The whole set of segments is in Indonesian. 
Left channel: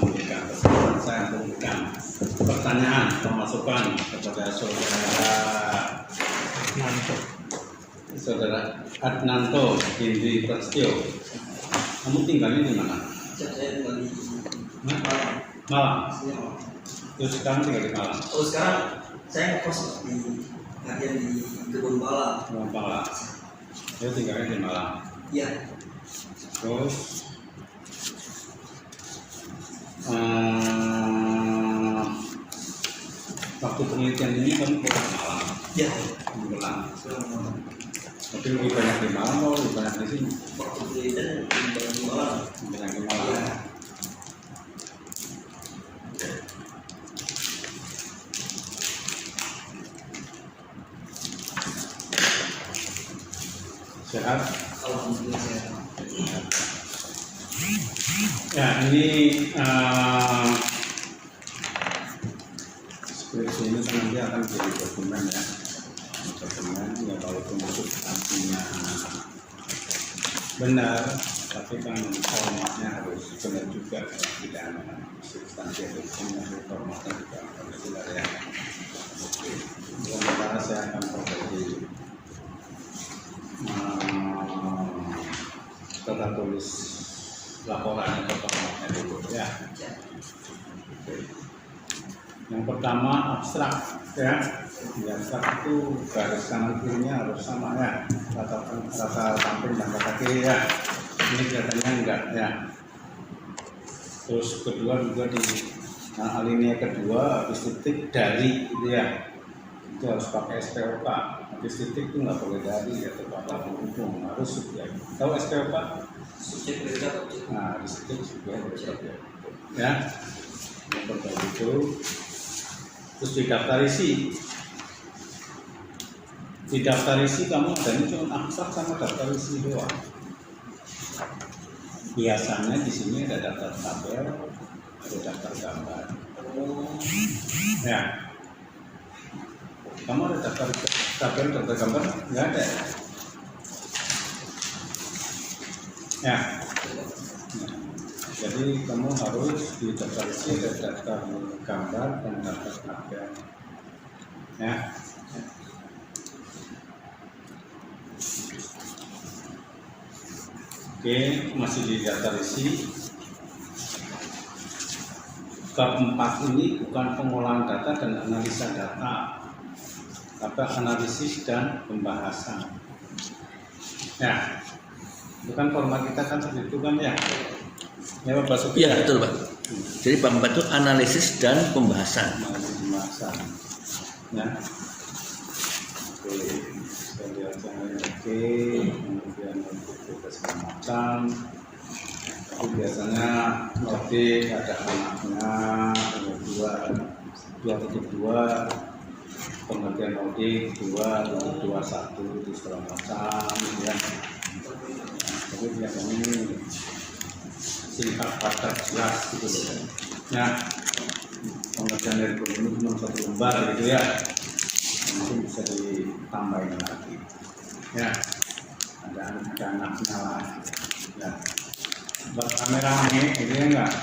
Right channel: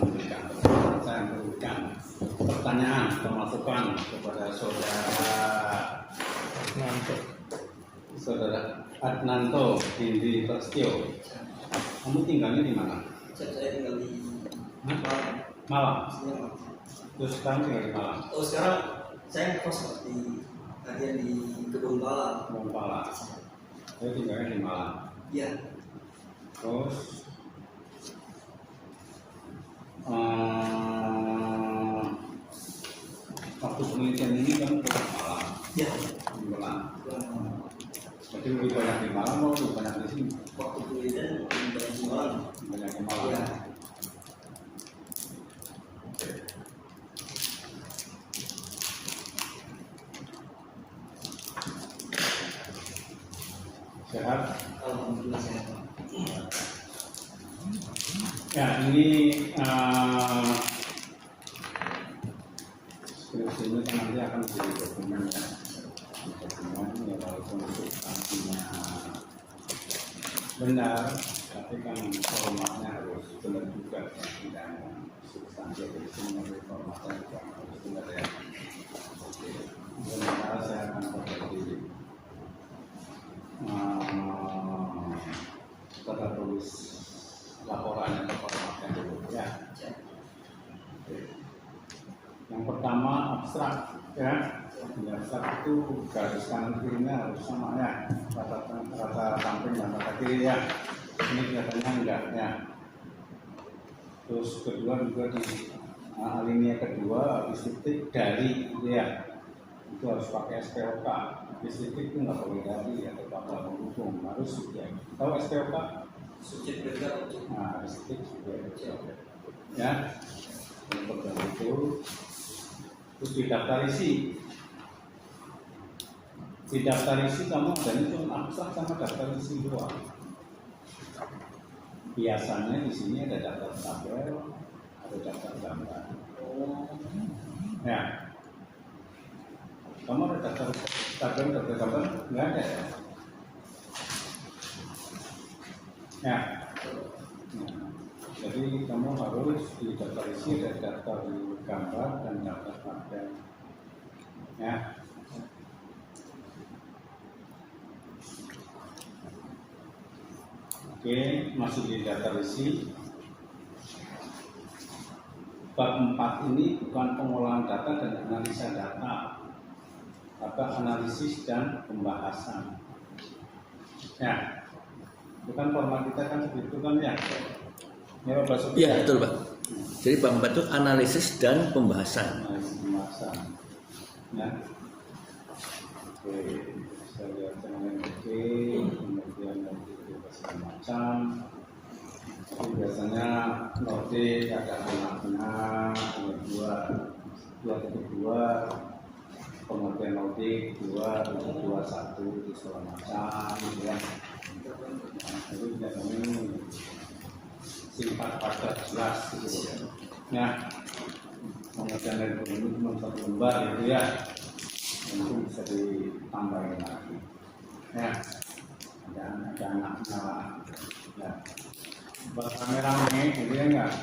memberikan kesempatan saya untuk memberikan pertanyaan pemasukan kepada saudara Adnanto Indri Prasetyo. Kamu tinggalnya di mana? Saya tinggal di Malang. Terus sekarang tinggal di Malang? Oh, sekarang saya kos di latihan di Kebun Pala. Kebun Pala. Saya tinggalnya di Malang. Iya. Terus waktu penelitian ini kamu pulang ke Malang? Iya. Pulang. Tapi lebih banyak di Malang atau lebih banyak di sini? Waktu penelitian di Malang. Banyak di Malang. Iya. Sehat? Alhamdulillah sehat. Ya, ini skripsi ini kan nanti akan jadi dokumen ya. Dokumen ya, walaupun substansinya benar, tapi kan formatnya harus benar juga. Tidak hanya substansi yang formatnya juga harus benar ya. Oke, sementara saya akan berbagi tata tulis laporan atau formatnya dulu ya. Oke. Yang pertama abstrak ya. Di abstrak itu garis kanan kirinya harus sama ya. Rata samping dan rata kiri ya. Ini kelihatannya enggak ya. Terus kedua juga di alinea kedua habis titik dari gitu ya. Itu harus pakai SPOK. Habis titik itu nggak boleh dari atau kata penghubung, harus subjek. Tahu SPOK? Subjek predikator. Nah, habis titik subjek predikator. Ya, yang pertama itu. Terus di daftar isi. Di daftar isi kamu adanya cuma abstrak sama daftar isi doang. Biasanya di sini ada daftar tabel, ada daftar gambar. Ya. Kamu ada daftar tabel, daftar gambar? Nggak ada. Ya. Nah, jadi kamu harus di daftar isi ada daftar gambar dan daftar tabel. Ya. Oke, masih di daftar isi. Bab 4 ini bukan pengolahan data dan analisa data, tapi analisis dan pembahasan. Ya, bukan format kita kan seperti itu kan ya? Ya Pak Basuki. Iya betul Pak. Jadi bab 4 itu analisis dan pembahasan. Analisis pembahasan. Ya. Oke, saya lihat yang oke, kemudian kita segala macam. Itu biasanya notik ada anaknya, ada 2.2, pengertian notik 2.21 itu segala macam gitu ya. Tapi biasanya ini singkat padat jelas gitu loh. Nah, pengertian dari guru ini cuma 1 lembar gitu ya. Mungkin bisa ditambahin lagi. Ya, ada anaknya lah. Ya. Buat kameramen gitu ya enggak?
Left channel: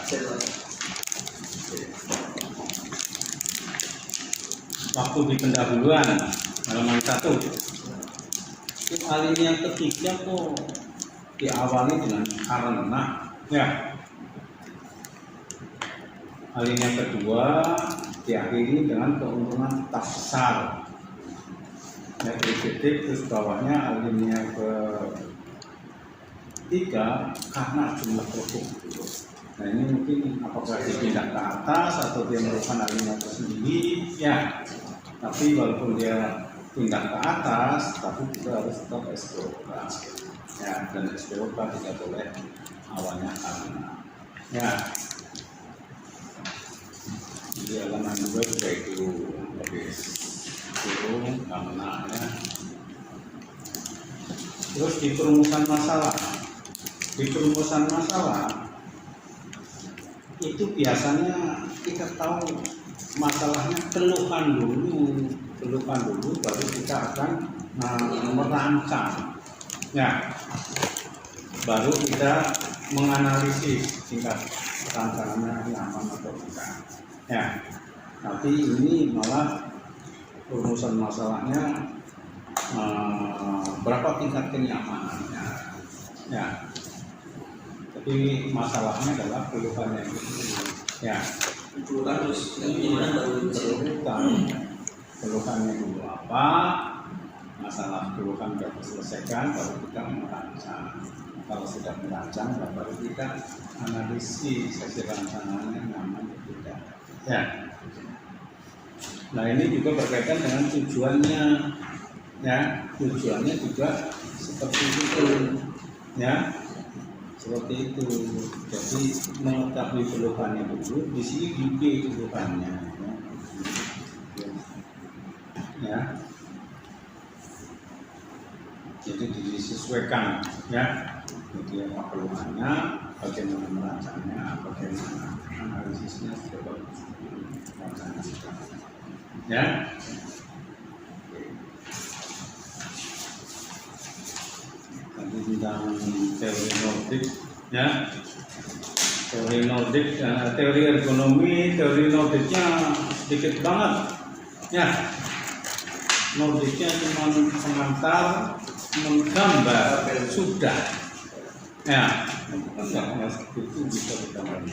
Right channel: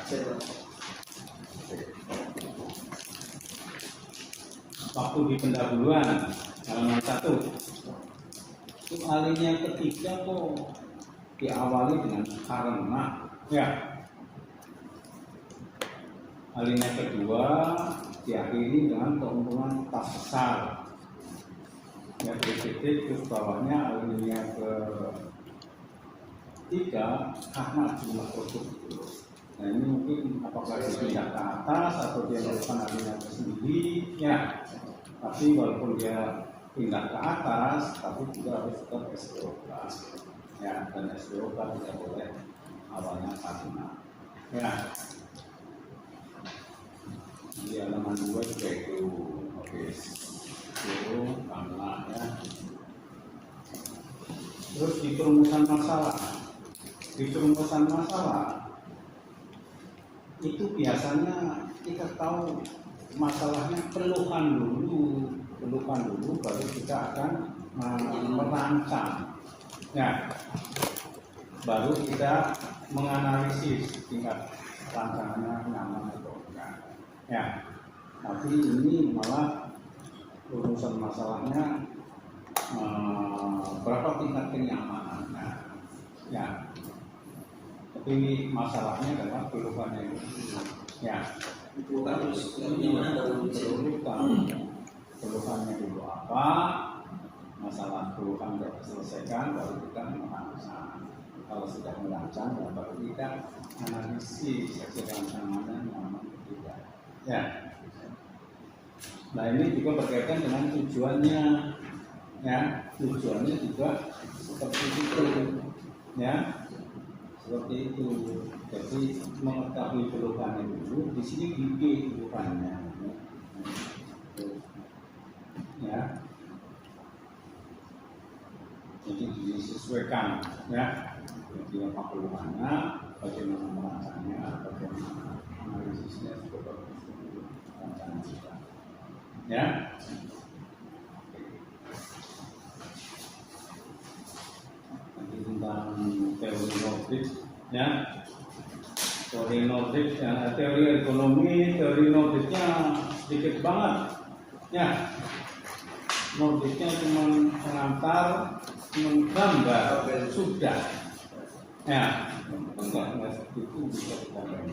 Waktu di pendahuluan halaman 1 itu alinea ketiga kok diawali dengan karena ya. Alinea kedua diakhiri dengan keuntungan tafsal. Ya, titik terus bawahnya alinea ke 3 karena jumlah produk. Nah ini mungkin apakah dipindah ke atas atau dia merupakan alinea tersendiri ya. Tapi walaupun dia pindah ke atas, tapi juga harus tetap SPOK. Ya, dan SPOK tidak boleh awalnya karena. Ya. Di halaman 2 sudah itu habis turun karena ya. Terus di perumusan masalah. Di perumusan masalah itu biasanya kita tahu masalahnya keluhan dulu baru kita akan merancang ya, baru kita menganalisis tingkat rancangannya nyaman atau enggak. Ya, tapi ini malah rumusan masalahnya berapa tingkat kenyamanannya. Ya, tapi masalahnya adalah keluhannya itu. Ya, Keluhan terus gimana kalau berurutan. Keluhannya dulu apa? Masalah keluhan sudah diselesaikan, baru kita merancang. Kalau sudah merancang, baru kita analisis hasil rancangannya nyaman atau tidak. Ya. Nah, ini juga berkaitan dengan tujuannya. Ya, tujuannya juga seperti itu. Ya, seperti itu. Jadi mengetahui keluhannya dulu. Di sini di keluhannya. Ya. Jadi disesuaikan, ya. Jadi apa keluhannya, bagaimana merancangnya, bagaimana analisisnya sudah bagus rancangan kita. Ya. Tadi tentang teori Nordik, ya. Teori Nordik, teori ergonomi, teori Nordiknya sedikit banget, ya. Nordiknya cuma pengantar, menggambar, sudah. Ya, kan nggak seperti itu bisa kita bangun.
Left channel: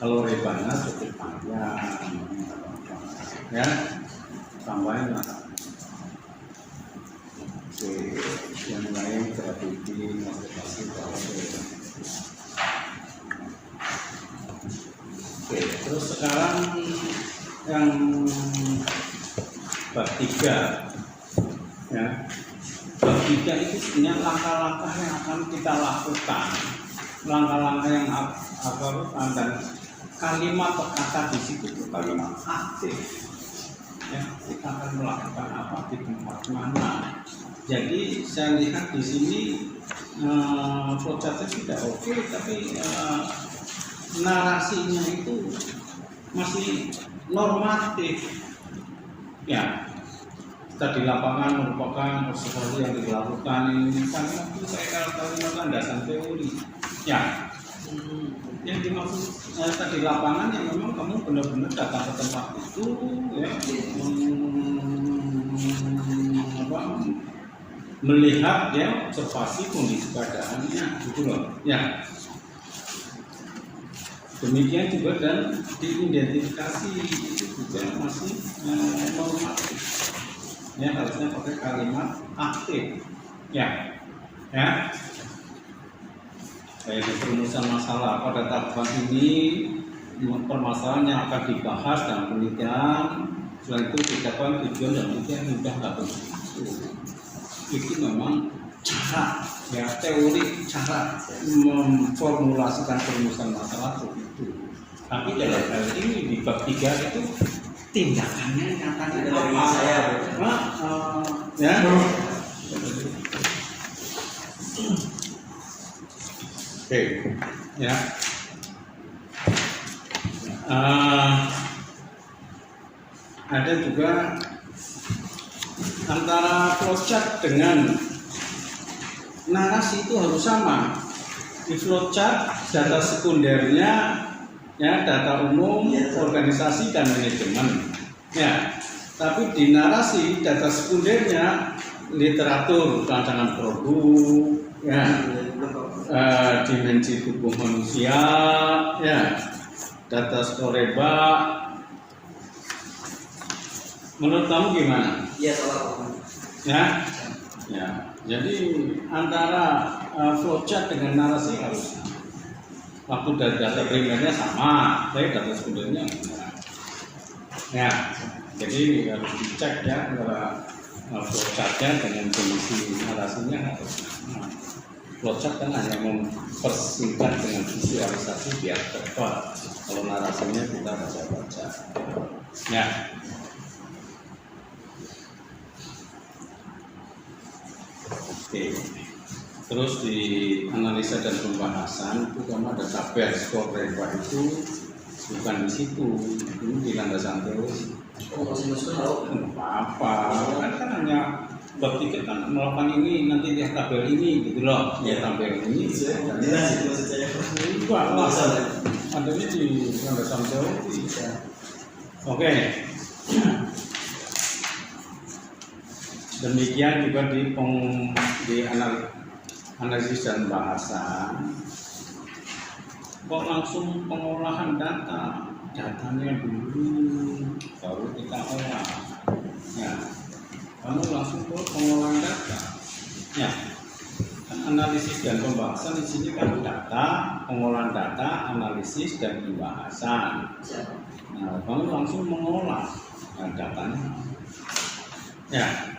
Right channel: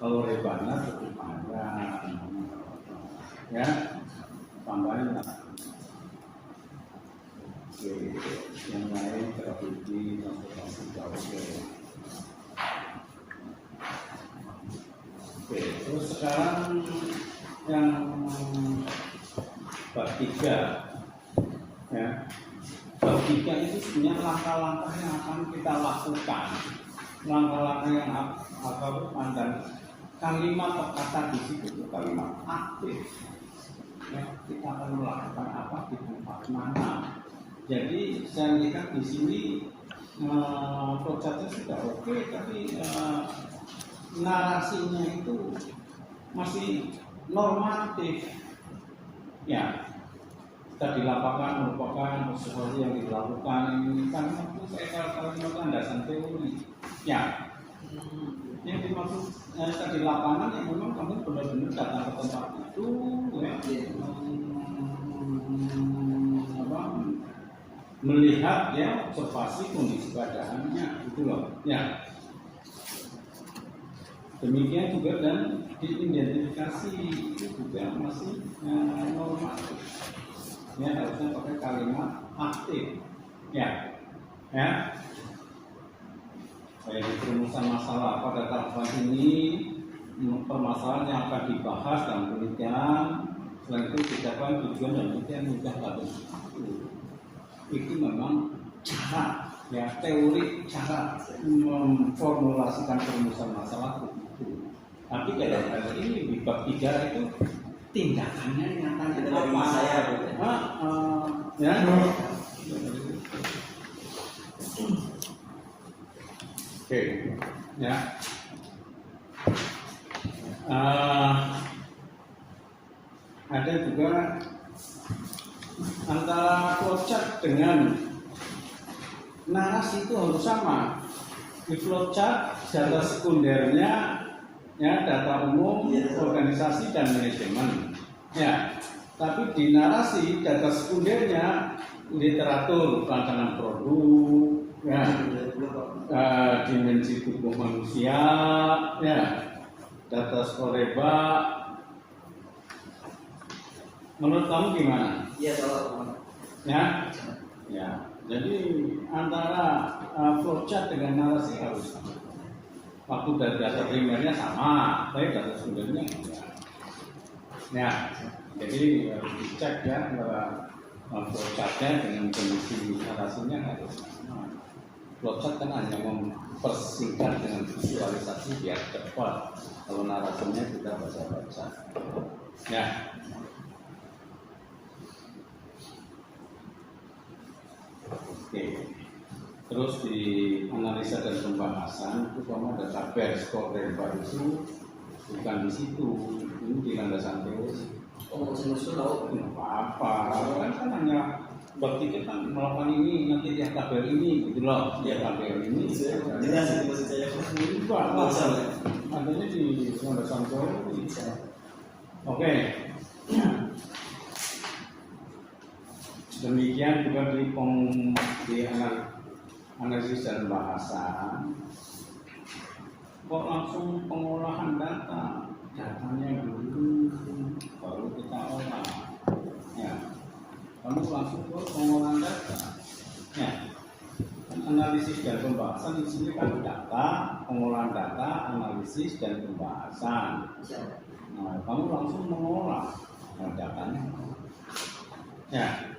Kalau rebana cukup panjang, ya, tambahin lah. Oke, yang lain strategi motivasi bahwa. Oke, terus sekarang yang bab 3, ya. Bab 3 itu sebenarnya langkah-langkah yang akan kita lakukan, langkah-langkah yang akan lakukan, dan kalimat atau kata di situ itu kalimat aktif. Ya, kita akan melakukan apa di tempat mana. Jadi saya lihat di sini flowchartnya sudah oke, tapi narasinya itu masih normatif. Ya, kita di lapangan merupakan sesuatu yang dilakukan ini kan itu saya kalimat landasan teori. Ya, yang dimaksud kita di lapangan yang memang kamu benar-benar datang ke tempat itu, ya, melihat, ya, observasi kondisi keadaannya, gitu loh. Ya. Demikian juga dan diidentifikasi itu juga masih normatif. Ya, harusnya pakai kalimat aktif. Ya. Ya. Kayak di perumusan masalah pada tahapan ini permasalahan yang akan dibahas dan penelitian. Selain itu dikatakan tujuan dan penelitian mudah nggak begitu. Itu memang cara, ya, teori cara memformulasikan perumusan masalah begitu. Tapi dalam hal ini di bab 3 itu tindakannya nyatanya apa? Ya. Oke, ya. Ada juga antara flowchart dengan narasi itu harus sama. Di flowchart data sekundernya, ya, data umum, organisasi dan manajemen. Ya, tapi di narasi data sekundernya literatur, rancangan produk, ya, dimensi tubuh manusia, ya, data skoreba. Menurut kamu gimana? Iya, salah. Ya, ya. Jadi antara flowchart dengan narasi harus sama. Waktu data primernya sama, tapi data sekundernya enggak. Ya, jadi harus dicek, ya, antara flowchartnya dengan kondisi narasinya harus sama. Flowchart kan hanya mempersingkat dengan visualisasi biar cepat. Kalau narasinya kita baca-baca. Ya. Oke. Terus di analisa dan pembahasan itu kamu ada tabel skor reba itu bukan di situ, ini di landasan teori. Oh, masih tahu. Apa? Kan hanya bab 3 kan melakukan ini, nanti di tabel ini, gitu loh. Ya, tabel ini. Enggak, teori, landasan teori. Ya. Oke. Demikian juga di analisis dan bahasa. Kok langsung pengolahan data? Datanya dulu, baru kita olah. Ya, kamu langsung ke pengolahan data. Ya, kan analisis dan pembahasan di sini kan data, pengolahan data, analisis dan pembahasan. Siap. Nah, kamu langsung mengolah datanya. Ya,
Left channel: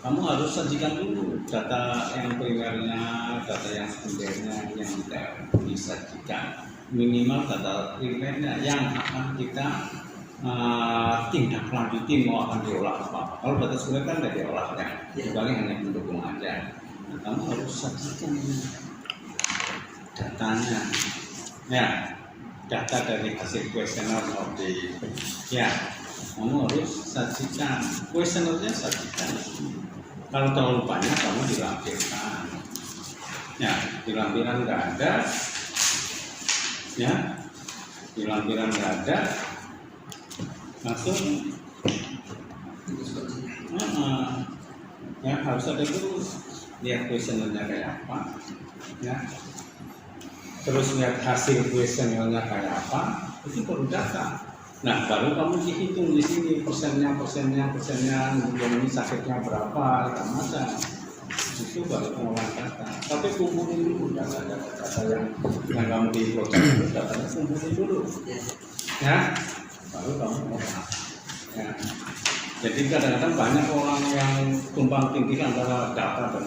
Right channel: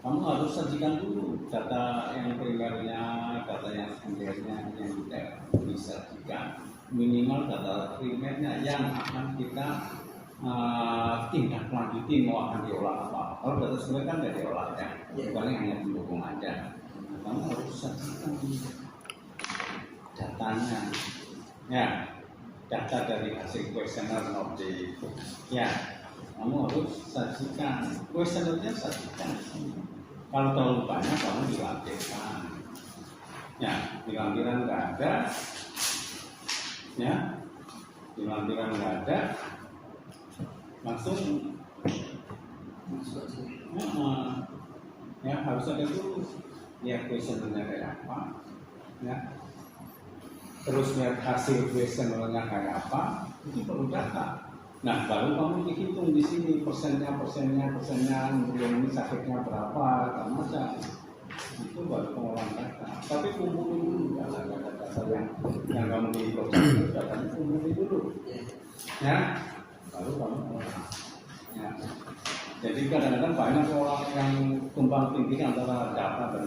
kamu harus sajikan dulu data yang primernya, data yang sekundernya yang kita disajikan. Minimal data primernya yang akan kita tindak lanjuti mau akan diolah apa. Kalau data sekunder kan tidak diolah ya, paling hanya pendukung aja. Nah, kamu harus sajikan datanya. Ya, data dari hasil kuesioner audit. Ya, kamu harus sajikan kuesionernya, sajikan. Kalau terlalu banyak kamu dilampirkan. Ya, di lampiran nggak ada. Ya, di lampiran nggak ada. Langsung. Ya, harus ada dulu. Lihat kuesionernya kayak apa. Ya. Terus lihat hasil kuesionernya kayak apa. Itu baru data. Nah, baru kamu dihitung di sini persennya, yang ini sakitnya berapa, macam. Itu baru pengolahan data. Tapi kumpulin dulu data yang kamu di project itu, datanya kumpulin dulu. Ya, baru kamu olah. Ya. Jadi kadang-kadang banyak orang yang tumpang tindih antara data dan